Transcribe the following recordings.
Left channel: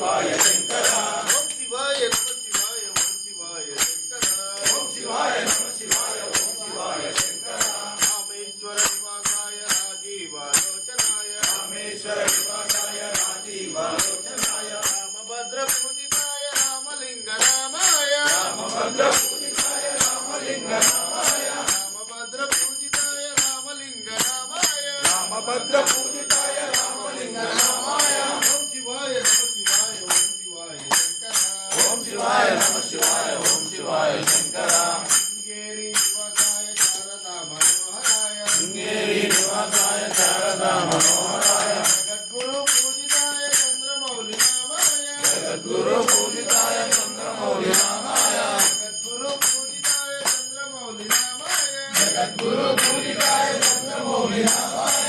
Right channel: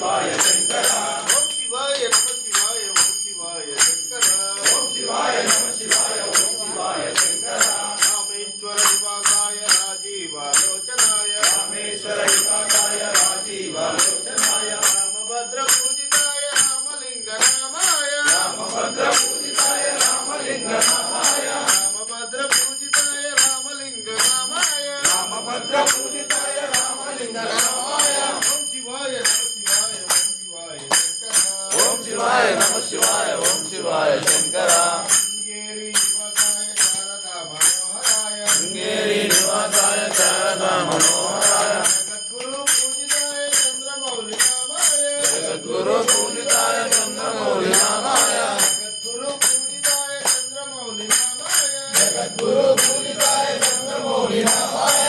శివాయ శంకర ఓం శివాయ నమ శివాయ ఓం శివాయ శంకర ఓం శివాయ నమ శివాయ ఓం శివాయ శంకర రామేశ్వర నివాసాయ రాజీవాలోచనాయ రామేశ్వర నివాసాయ రాజీవాలోచనాయ రామభద్ర పూజితాయ రామలింగ రామాయ రామభద్ర పూజితాయ రామలింగ రామాయ రామభద్ర పూజితాయ రామలింగ రామాయ రామభద్ర పూజితాయ రామలింగ రామాయ ఓం శివాయ నమ శివాయ ఓం శివాయ శంకర ఓం శివాయ నమ శివాయ ఓం శివాయ శంకర శృంగేరి నివాసాయ శారదా మనోహరాయ శృంగేరి నివాసాయ శారదా మనోహరాయ జగద్గురు పూజితాయ చంద్రమౌళి రామాయ జగద్గురు పూజితాయ చంద్రమౌళి నామాయ జగద్గురు పూజితాయ చంద్రమౌళి రామాయ జగద్గురు పూజితాయ చంద్రమౌళి నామాయ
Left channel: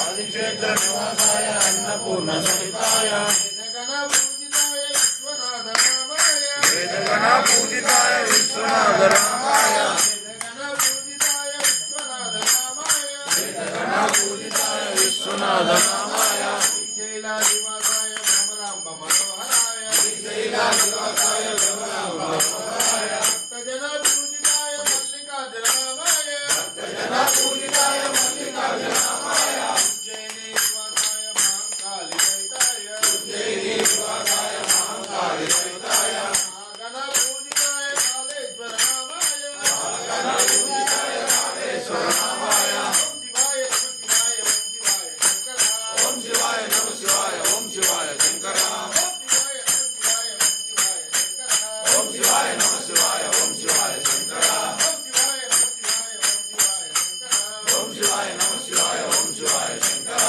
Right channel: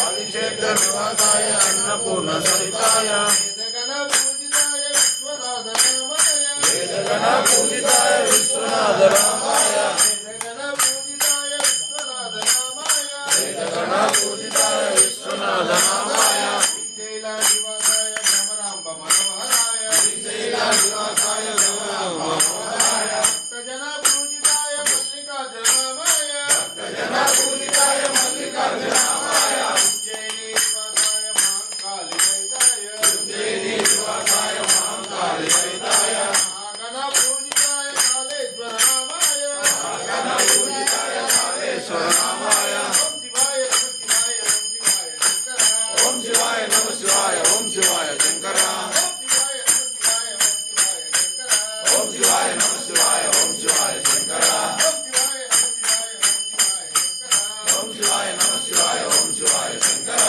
ఆదిక్షేత్ర నివాసాయ అన్నపూర్ణ సహితాయ వేదగణ పూజితాయ విశ్వనాథ రామాయ వేదగణ పూజితాయ విశ్వనాథ రామాయ నివాసాయ భ్రమరాంబ మనోహరాయ నివాసాయ గౌరామ మనోహరాయ భక్తజన పూజితాయ మల్లికార్జున రామాయ జన పూజితాయ మల్లికార్జున రామాయ ఉజ్జయిని నివాసాయ మహంకాళి సహితాయ ఉజ్జయిని నివాసాయ మహంకాళి సహితాయ ఆగణ పూజితాయ కాళేశ్వర రామాయ గణ పూజితాయ కాళేశ్వర రామాయ ఓం శివాయ నమ శివాయ ఓం శివాయ శంకర ఓం శివాయ నమ శివాయ ఓం శివాయ శంకర ఓం శివాయ నమ శివాయ ఓం శివాయ శంకర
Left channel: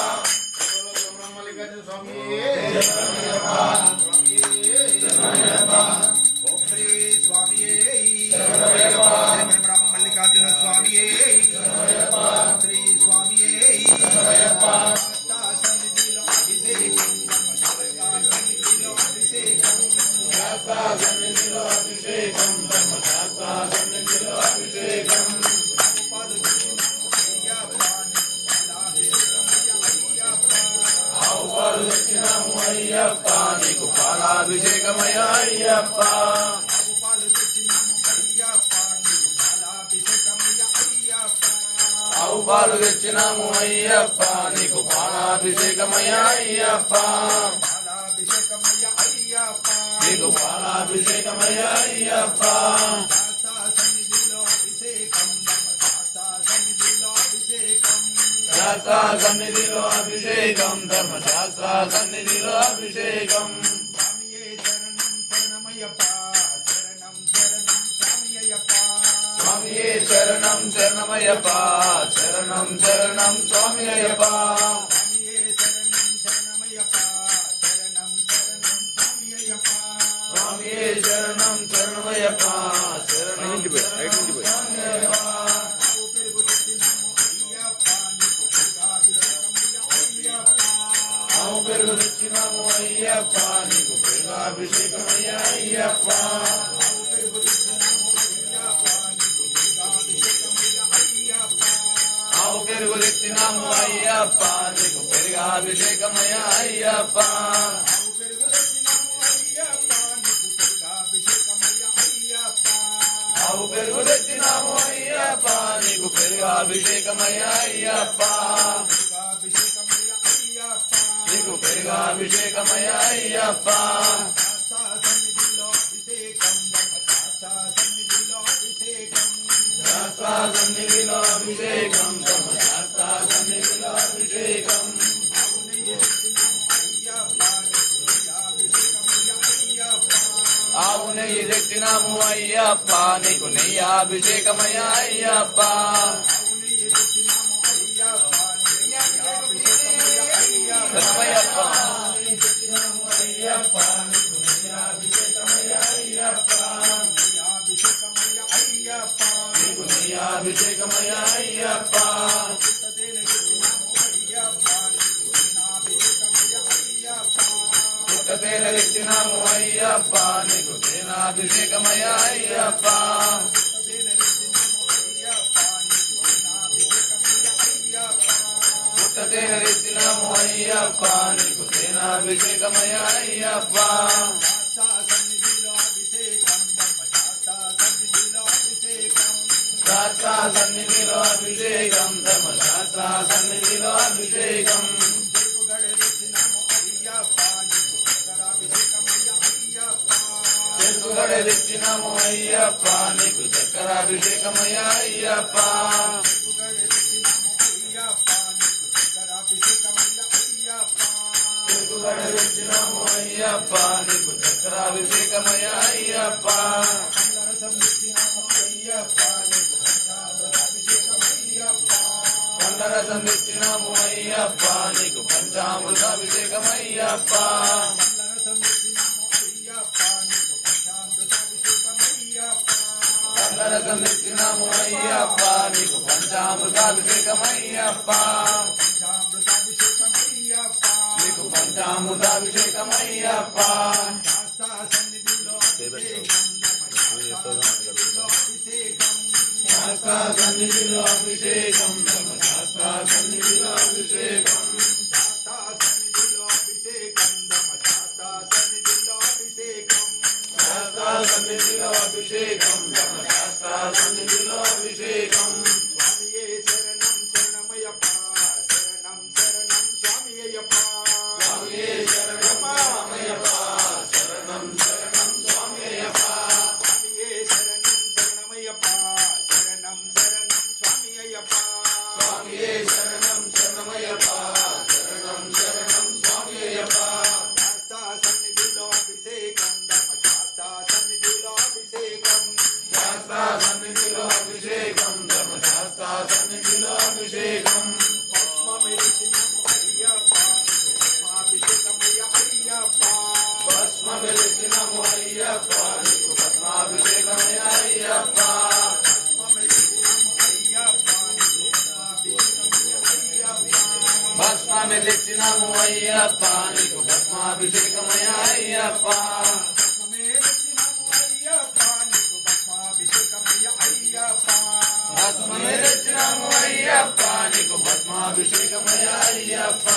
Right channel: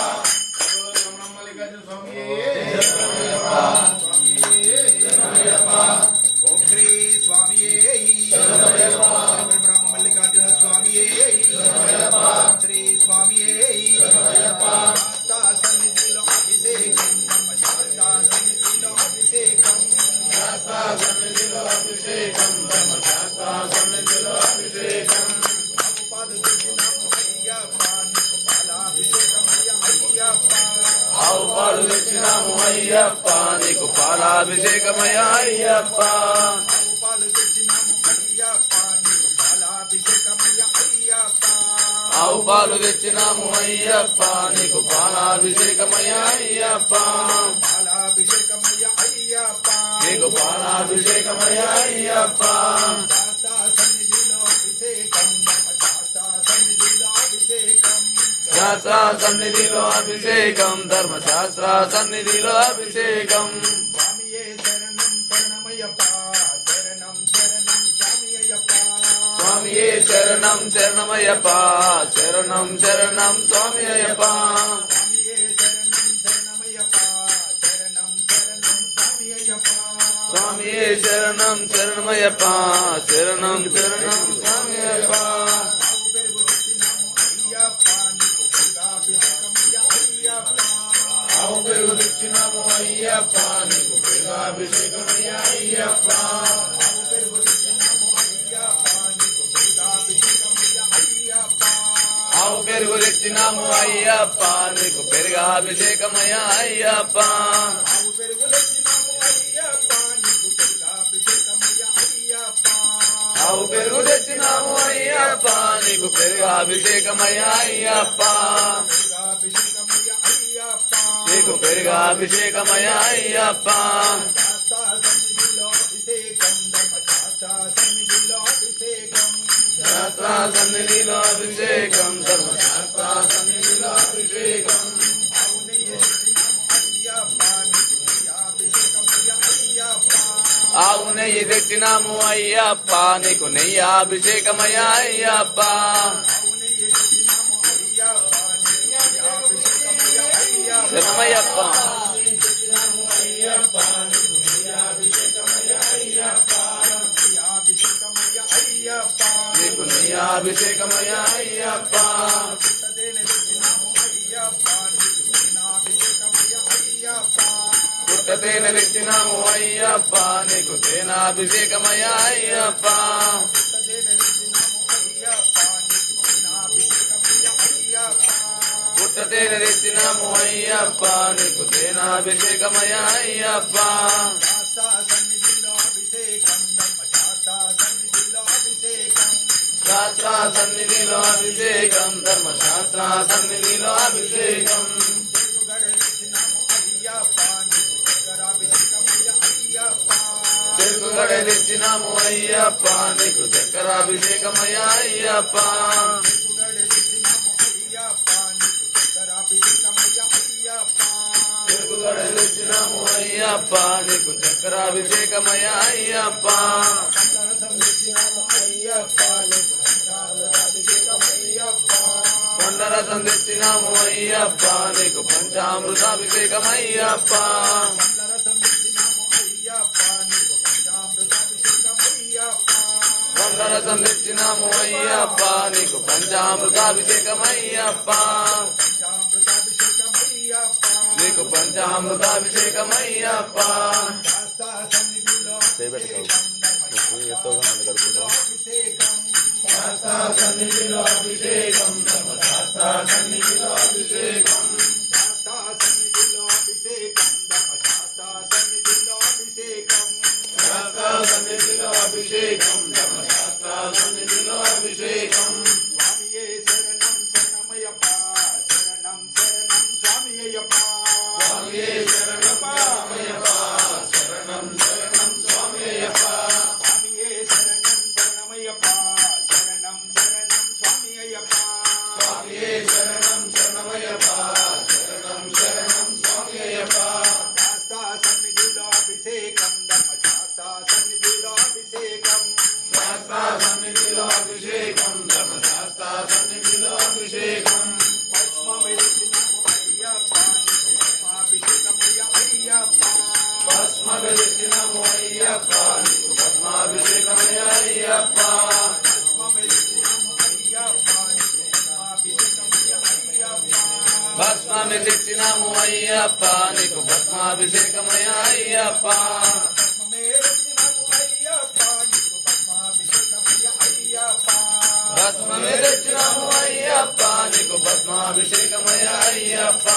ఓం శ్రీ స్వామియే బ్రహ్మ మల్లికార్జున స్వామియే శ్రీ స్వామియే సన్నిధిలో అభిషేకం సన్నిధిలో అభిషేకం శాస్త్ర సన్నిధిలో అభిషేకం ధర్మశాస్త్ర సన్నిధిలో అభిషేకం ఆవు పాలు తెచ్చినాము అయ్యప్ప నీకు పాలాభిషేకమయ్య అయ్యప్ప ఆవు పాలు తెచ్చినాము అయ్యప్ప నీకు పాలాభిషేకమయ్య అయ్యప్ప నీకు పాలాభిషేకమయ్య అయ్యప్ప శాస్త్ర సన్నిధిలో అభిషేకం ధర్మశాస్త్ర సన్నిధిలో అభిషేకం స్వామియే శరణం శరణమయ్యప్ప శరణం శరణం స్వామి అయ్యప్ప స్వామియే శరణం శరణమయ్యప్ప శరణం శరణం స్వామి అయ్యప్ప ఆవు పెరుగు తెచ్చినాము అయ్యప్ప నీకు పెరుగాభిషేకమయ్య అయ్యప్ప ఆవు పెరుగు తెచ్చినాము అయ్యప్ప నీకు పెరుగాభిషేకమయ్య అయ్యప్ప ఆవు పెరుగు తెచ్చినాము అయ్యప్ప నీకు పెరుగాభిషేకమయ్య అయ్యప్ప నీకు పెరుగాభిషేకమయ్య అయ్యప్ప శాస్త్ర సన్నిధిలో అభిషేకం ధర్మశాస్త్ర సన్నిధిలో అభిషేకం ఆవు నెయ్యి తెచ్చినాము అయ్యప్ప నీకు నెయ్యి అభిషేకమయ్య అయ్యప్ప శరణమయ్యప్ప నీకు నెయ్యి అభిషేకమయ్య అయ్యప్ప పుట్టతేన తెచ్చినాము అయ్యప్ప నీకు తేనాభిషేకమయ్య అయ్యప్ప పుట్ట తేనె తెచ్చినాము అయ్యప్ప నీకు తేనాభిషేకమయ అయ్యప్ప శాస్త్ర సన్నిధిలో అభిషేకం ధర్మశాస్త్ర సన్నిధిలో అభిషేకం చెరుకుగడ తెచ్చినాము అయ్యప్ప నీకు చక్కెరాభిషేకమయ అయ్యప్ప చెరుకుగడ తెచ్చినాము అయ్యప్ప నీకు చక్కెరాభిషేకమయ అయ్యప్ప కొండరసం తెచ్చినాము అయ్యప్ప నీకు పంచామృతాభిషేకమయ్యప్ప కొండరసం తెచ్చినాము అయ్యప్ప నీకు పంచామృతాభిషేకమయ్యప్ప నీకు పంచామృతాభిషేకమయ్యప్ప శాస్త్ర సన్నిధిలో అభిషేకం ధర్మశాస్త్ర సన్నిధిలో అభిషేకం శాస్త్ర సన్నిధిలో అభిషేకం ధర్మశాస్త్ర సన్నిధిలో అభిషేకం స్వామియే శరణం రామయ్యప్ప శరణం శరణం స్వామి అయ్యప్ప స్వామియే శరణం శరణమయ్యప్ప శరణం శరణం స్వామి అయ్యప్ప శాస్త్ర సన్నిధిలో అభిషేకం ధర్మశాస్త్ర సన్నిధిలో అభిషేకం భస్మ వెలిచినము అయ్యప్ప నీకు భస్మాభిషేకమయ్య అయ్యప్ప భస్మాన్ని తెచ్చినాము అయ్యప్ప నీకు భస్మాభిషేకమయ్య అయ్యప్ప భస్మమే తెచ్చినాము అయ్యప్ప నీకు భస్మాభిషేకమయ్య అయ్యప్ప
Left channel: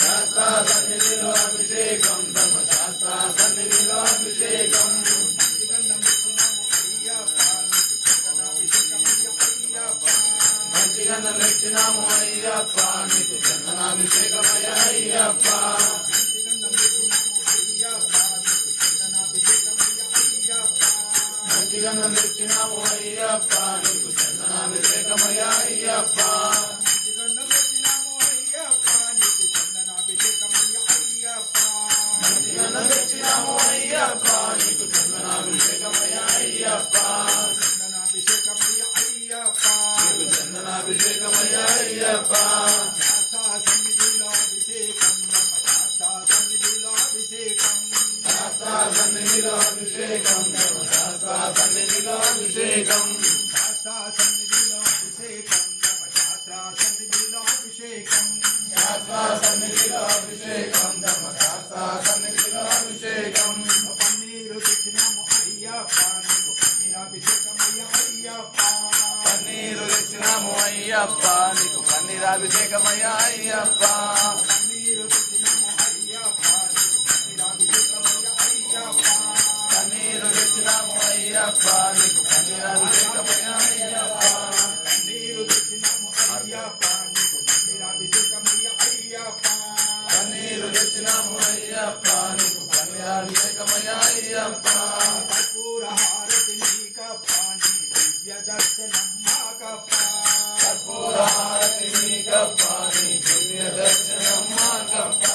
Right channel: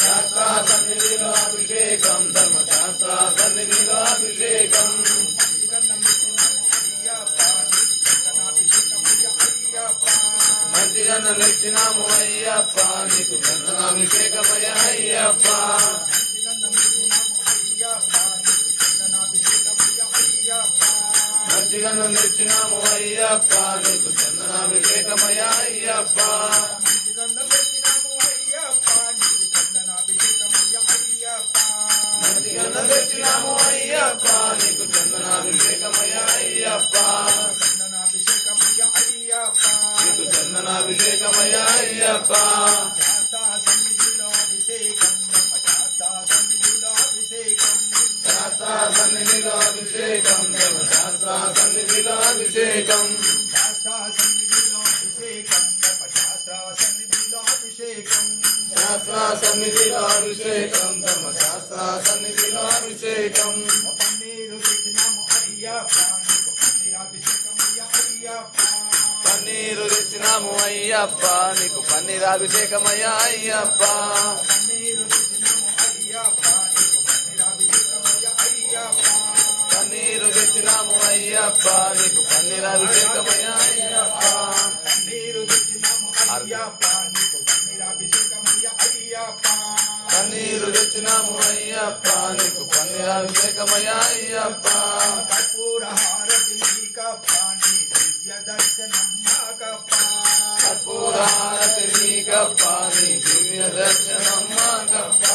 శాస్త్ర సన్నిధిలో అభిషేకం ధర్మశాస్త్ర సన్నిధిలో అభిషేకం మంచిగన్న తెచ్చినాము అయ్యప్ప నీకు చందనాభిషేకమయ్య అయ్యప్ప మంచిగన్న తెచ్చినాము అయ్యప్ప నీకు చందనాభిషేకమయ్య అయ్యప్ప మంచిగన్న తెచ్చినాము అయ్యప్ప నీకు చందనాభిషేకమయ్య అయ్యప్ప నీకు చందనాభిషేకమయ్య అయ్యప్ప శాస్త్ర సన్నిధిలో అభిషేకం ధర్మశాస్త్ర సన్నిధిలో అభిషేకం శాస్త్ర సన్నిధిలో అభిషేకం ధర్మశాస్త్ర సన్నిధిలో అభిషేకం పన్నీరు తెచ్చినాము అయ్యప్ప నీకు పన్నీరాభిషేకమయ్య అయ్యప్ప పన్నీరు తెచ్చినాము అయ్యప్ప నీకు పన్నీరాభిషేకమయ్య అయ్యప్ప పన్నీరు తెచ్చినాము అయ్యప్ప నీకు పన్నీరాభిషేకమయ్య అయ్యప్ప కర్పూర హారతి నీకు పాని దివ్య దర్శనం మాకప్ప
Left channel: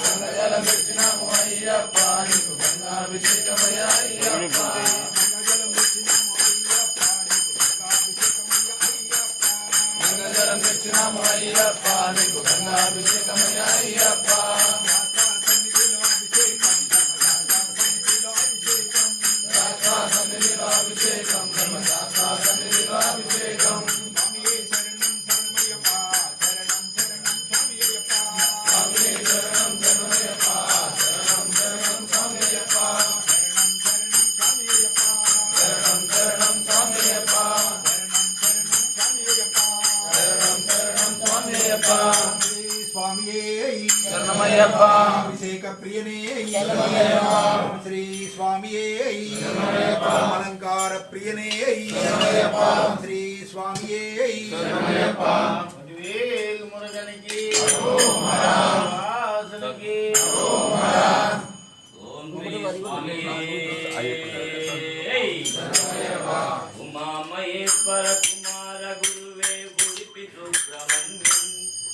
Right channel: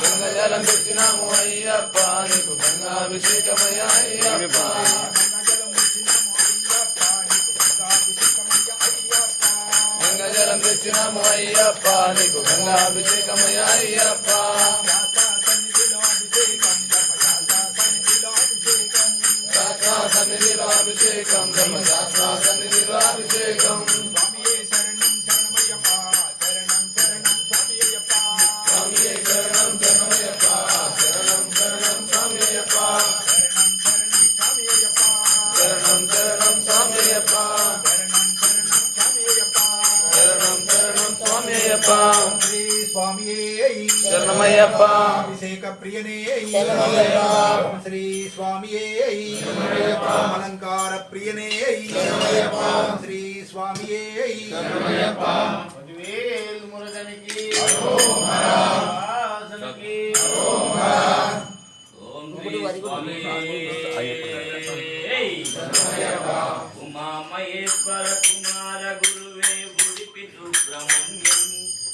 గంగజలం పెట్టినాము అయ్యప్ప నీకు గంగాభిషేకమయ్య అయ్యప్ప గంగజలం పెట్టినాము అయ్యప్ప నీకు గంగాభిషేకమయ్య అయ్యప్ప సన్నిధిలో అభిషేకం అభిషేకం ధర్మశాస్త్ర సన్నిధిలో అభిషేకం స్వామియే శరణం శరణమయ్యప్ప శరణం శరణం స్వామియయ్యప్ప స్వామియే శరణం శరణమయ్యప్ప శరణం శరణం స్వామియప్ప శరణం శరణం స్వామియయ్యప్ప శరణం శరణం స్వామియప్ప శ్రీ స్వామియే శరణమయ్యప్ప అభిషేక ప్రియనే శరణమయ్యప్ప శ్రీ స్వామియే శరణమయ్యప్ప అలంకార ప్రియనే శరణమయ్యప్ప శ్రీ స్వామియే శరణమయ్యప్ప మధువేల్ మురగనికి ఆసనకి ఓం శ్రీ స్వామి ఉమా మహేశ్వర కుమార గురువే గుడిపి సుబ్రహ్మణ్యం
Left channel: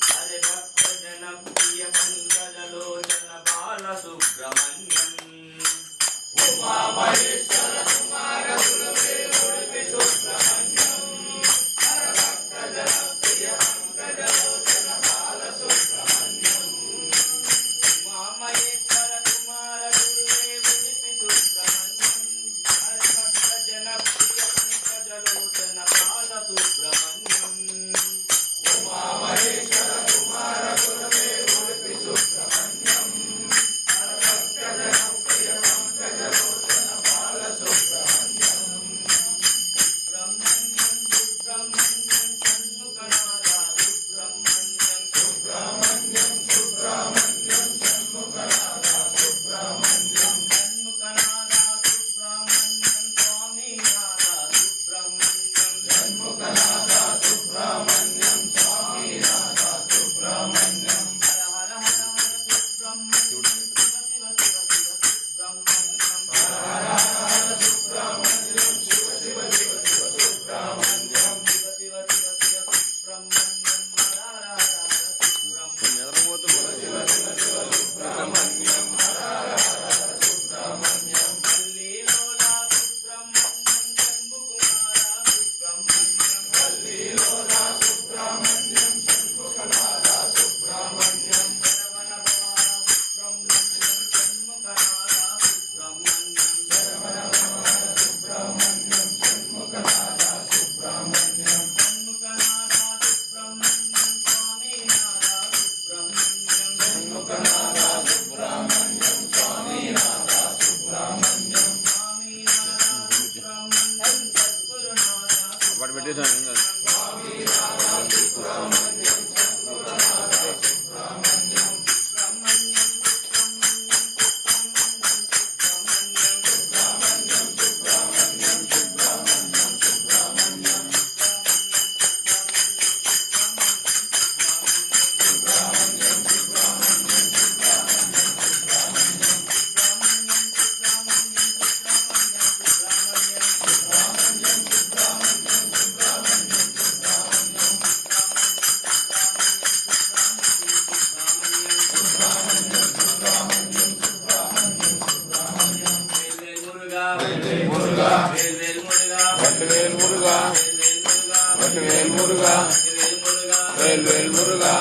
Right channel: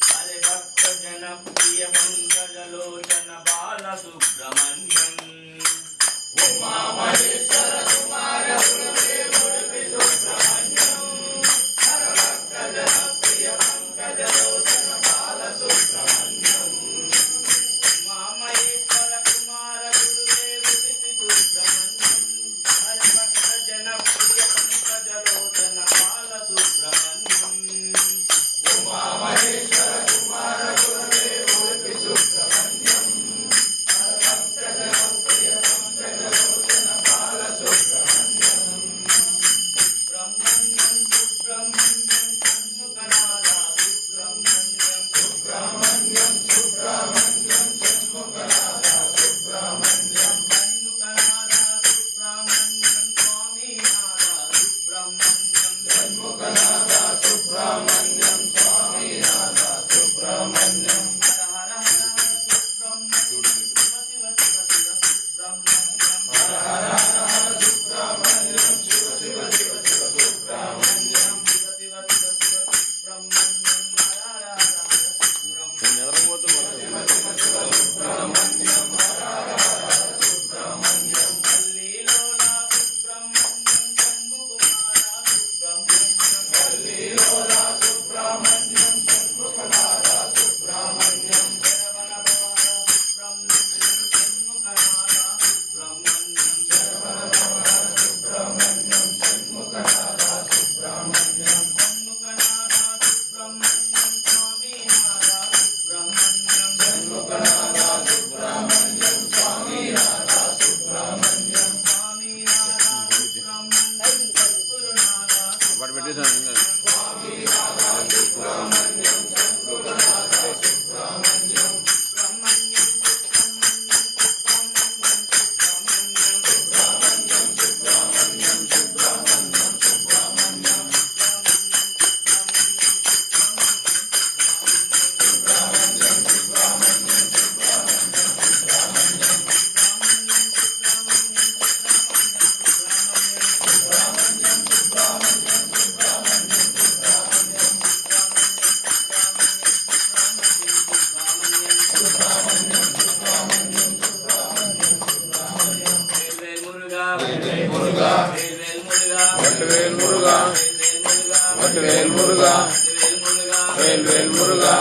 హరి భక్త జన ప్రియ పంకజలోచన బాల సుబ్రహ్మణ్యం ఉమా మహేశ్వర కుమార గురువే గుడిపి సుబ్రహ్మణ్యం హరి భక్త జన ప్రియ పంకజలోచన బాల సుబ్రహ్మణ్యం ఉమా మహేశ్వర కుమార గురువే గుడిపి సుబ్రహ్మణ్యం హరి భక్త జన ప్రియ పంకజలోచన బాల సుబ్రహ్మణ్యం ఉమా మహేశ్వర కుమార గురువే గుడిపి సుబ్రహ్మణ్యం హరి భక్త జన ప్రియ పంకజలోచన బాల సుబ్రహ్మణ్యం సుబ్రహ్మణ్యం సుబ్రహ్మణ్యం షణ్ముఖనాథ సుబ్రహ్మణ్యం సుబ్రహ్మణ్యం సుబ్రహ్మణ్యం షణ్ముఖనాథ సుబ్రహ్మణ్యం షణ్ముఖనాథ సుబ్రహ్మణ్యం స్వామినాథ సుబ్రహ్మణ్యం షణ్ముఖనాథ సుబ్రహ్మణ్యం స్వామినాథ సుబ్రహ్మణ్యం హర హర హర హర సుబ్రహ్మణ్యం శివ శివ శివ శివ సుబ్రహ్మణ్యం హర హర హర హర సుబ్రహ్మణ్యం శివ శివ శివ శివ సుబ్రహ్మణ్యం శివ శివ శివ శివ సుబ్రహ్మణ్యం హర హర హర హర సుబ్రహ్మణ్యం హల్లీలోలా సుబ్రహ్మణ్యం శంభుకుమార సుబ్రహ్మణ్యం హల్లీలోలా సుబ్రహ్మణ్యం శంభుకుమార సుబ్రహ్మణ్యం శరవణ భవన సుబ్రహ్మణ్యం షణ్ముఖనాథ సుబ్రహ్మణ్యం శరవణ భవన సుబ్రహ్మణ్యం షణ్ముఖనాథ సుబ్రహ్మణ్యం షణ్ముఖనాథ సుబ్రహ్మణ్యం స్వామినాథ సుబ్రహ్మణ్యం షణ్ముఖనాథ సుబ్రహ్మణ్యం స్వామినాథ సుబ్రహ్మణ్యం స్వామినాథ సుబ్రహ్మణ్యం సద్గురునాథ పాటు పెట్టేసాను ఏం కాదు సుబ్రహ్మణ్యం సుబ్రహ్మణ్యం సుబ్రహ్మణ్యం సుబ్రహ్మణ్యం సుబ్రహ్మణ్యం సుబ్రహ్మణ్యం సుబ్రహ్మణ్యం సుబ్రహ్మణ్యం వట్టువేల్ మురుగా వట్టువేల్ మురుగా వేల్ వేల్ మురుగా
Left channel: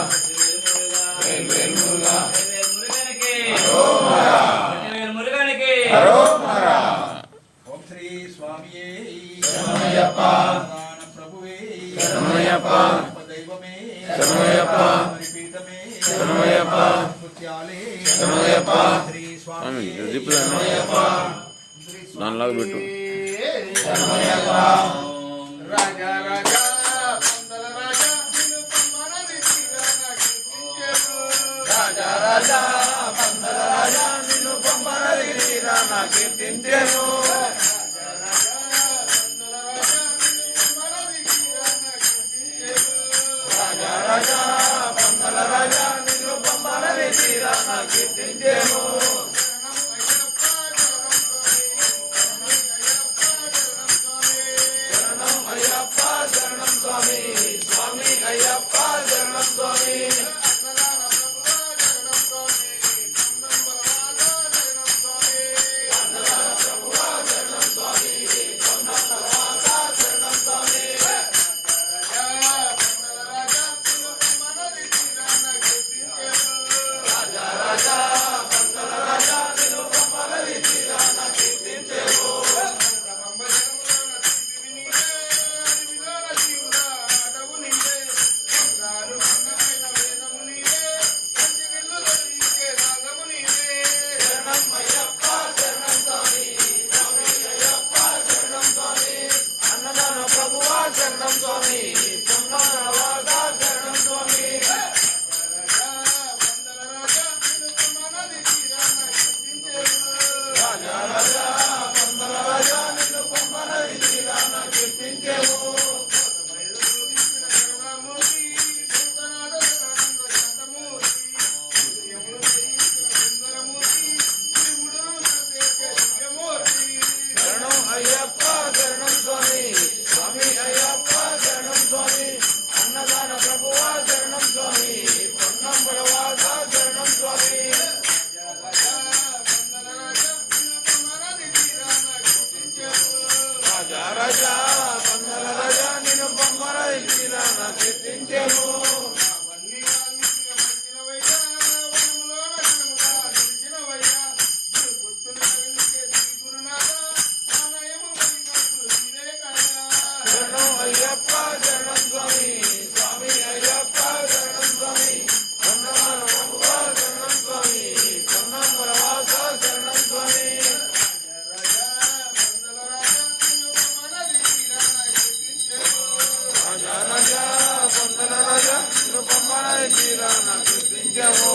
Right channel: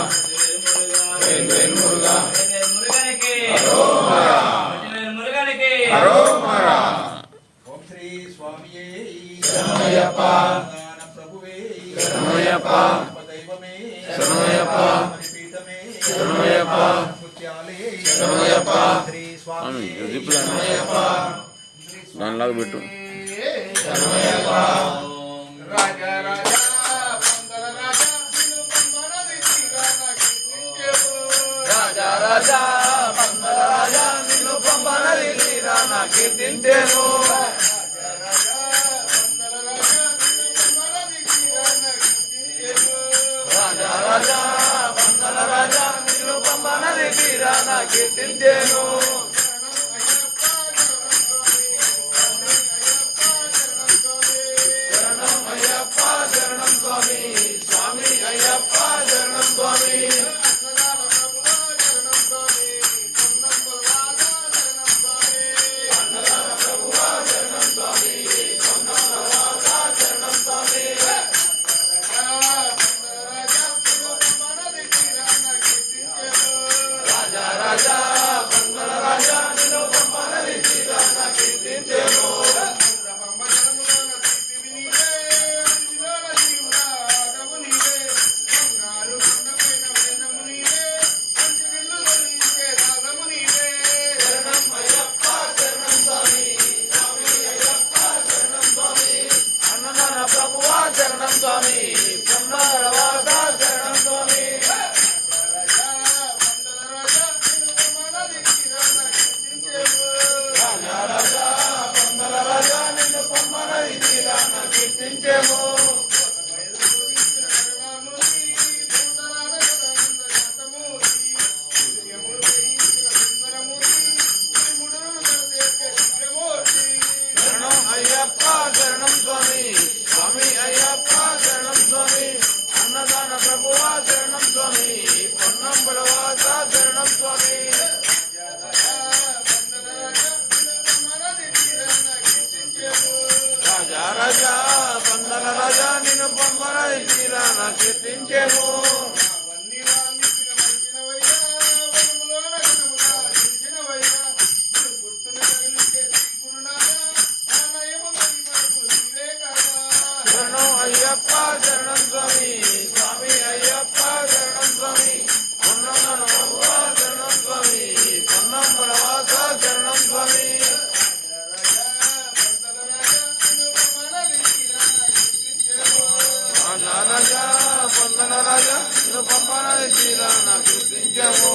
వేల్ వేల్ మురుగా హరోమరా ఓం శ్రీ స్వామియే శరణమయ్యప్ప దాన ప్రభువే శరణమయ్యప్ప దైవమే శరణమయ్యప్ప పీఠమే శరణమయ్యప్ప ముత్యాలే శరణమయ్యప్ప శ్రీ స్వామి స్వామి జిప్పు దానిలాగా పెట్టు రాజా రాజా పందల రాజా రాజా రాజా పందల రాజా నిన్ను పంపరదిగిరా నా కీర్తించేను రాజా రాజా పందల రాజా నిన్ను పంపరదిగిరా నా కీర్తించేను శరణం అయ్యప్ప శరణం స్వామి స్వామి అయ్యప్ప శరణం స్వామి ప్రభువా శరణం స్వామి పొన్నగరవాస శరణం స్వామి రాజా పందల రాజా నిన్ను పొమ్మనది తీరాన కీర్తించేము శరణం అయ్యప్ప శరణం స్వామి స్వామి అయ్యప్ప శరణం స్వామి అన్నదాన ప్రభువా శరణం స్వామి పొన్నంబలవాస శరణం స్వామి రాజా రాజా పందల రాజా నిన్ను పొమ్మనది తీరాన కీర్తించేము శరణం అయ్యప్ప శరణం స్వామి స్వామి అయ్యప్ప శరణం స్వామి పొన్నమ్మల శరణం స్వామి పొన్నమ్మల వాస శరణం స్వామి రాజా పొందల రాజా నిన్ను పంపనది తీరాన కీర్తించాము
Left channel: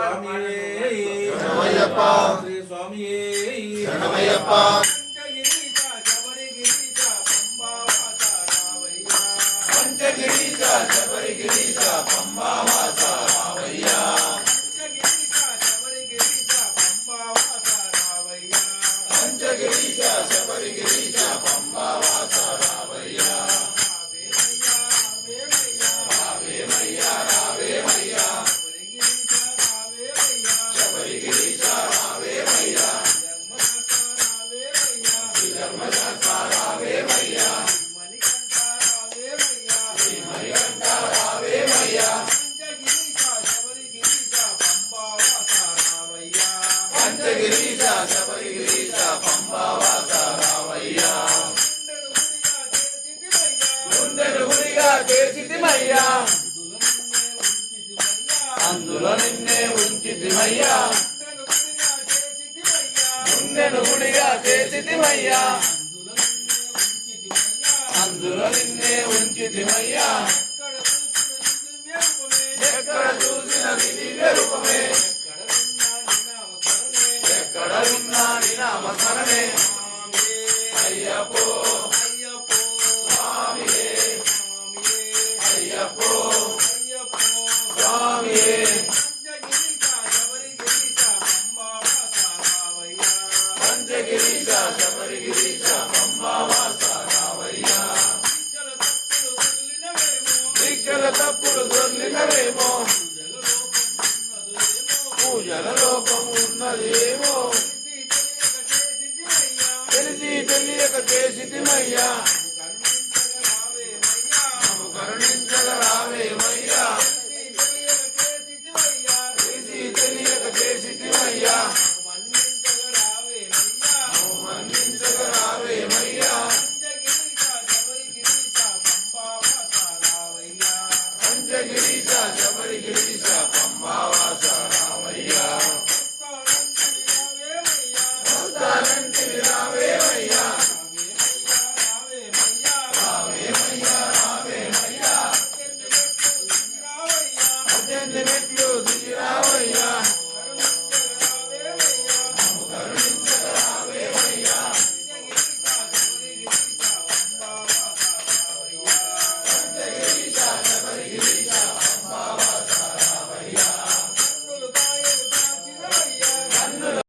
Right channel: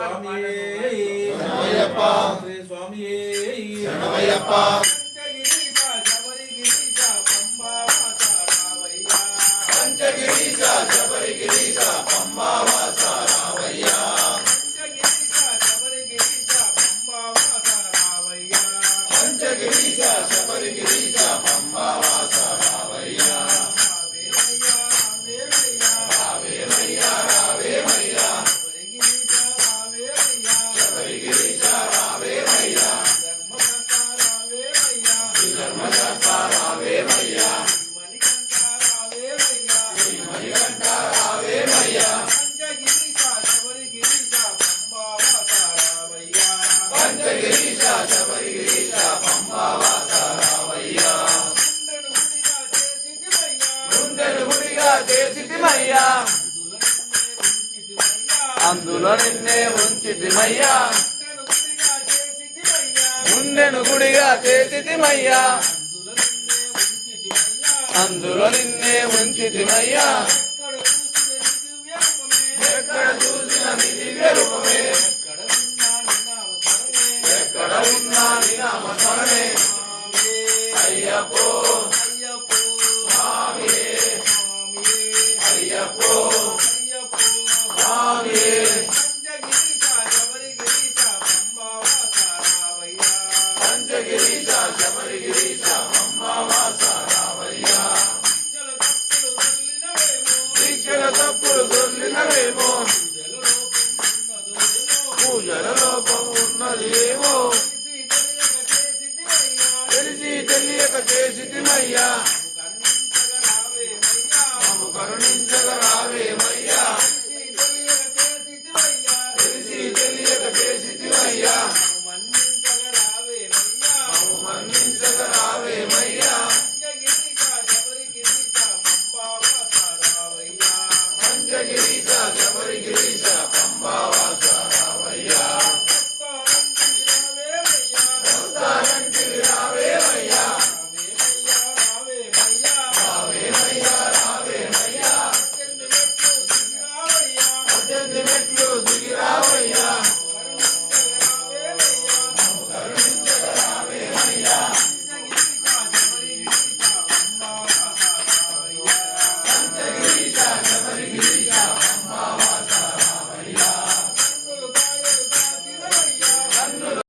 స్వామియే శరణమయ్యప్ప శ్రీ స్వామియే శరణమయ్యప్ప పంచగిరీశ శబరిగిరీశ పంబావాస రావయ్య పంచగిరీశ శబరిగిరీశ పంబావాస రావయ్య పంచగిరీశ శబరిగిరీశ పంబావాస రావయ్య పంచగిరీశ శబరిగిరీశ పంబావాస రావయ్య రావేమయ్యా రావేమయ్యా శబరిగిరీశ రావేమయ్యా శబరిగిరీశ రావేమయ్యా ధర్మశాస్త్ర రావేమయ్యా ధర్మశాస్త్ర రావేమయ్యా మణికంఠ రావేమయ్యా మణికంఠ రావేమయ్యా పంచగిరీశ శబరిగిరీశ పంబావాస రావయ్యా పంచగిరీశ శబరిగిరీశ పంబావాస రావయ్యా గుండెను గుడిగా చేసితిమయ్యా అందులో నిన్నే ఉంచితిమయ్యా గుండెను గుడిగా చేసితిమయ్యా అందులో నిన్నే ఉంచితిమయ్యా ఎక్కడ చూసిన నీ దివ్య రూపమే ఎక్కడ ఉన్నా నీ నామస్మరణే అయ్యప్పో అయ్యప్పో స్వామియే పంచగిరీశ శబరిగిరీశ పంబావాస రావయ్య దీక్షల తప్పులు దొర్లినవేమో పూజల లోపం ఉన్నదేమో తెలిసి తెలియక చేసితిమయ్యా మమ్ము కరుణించగ రావేమయ్యా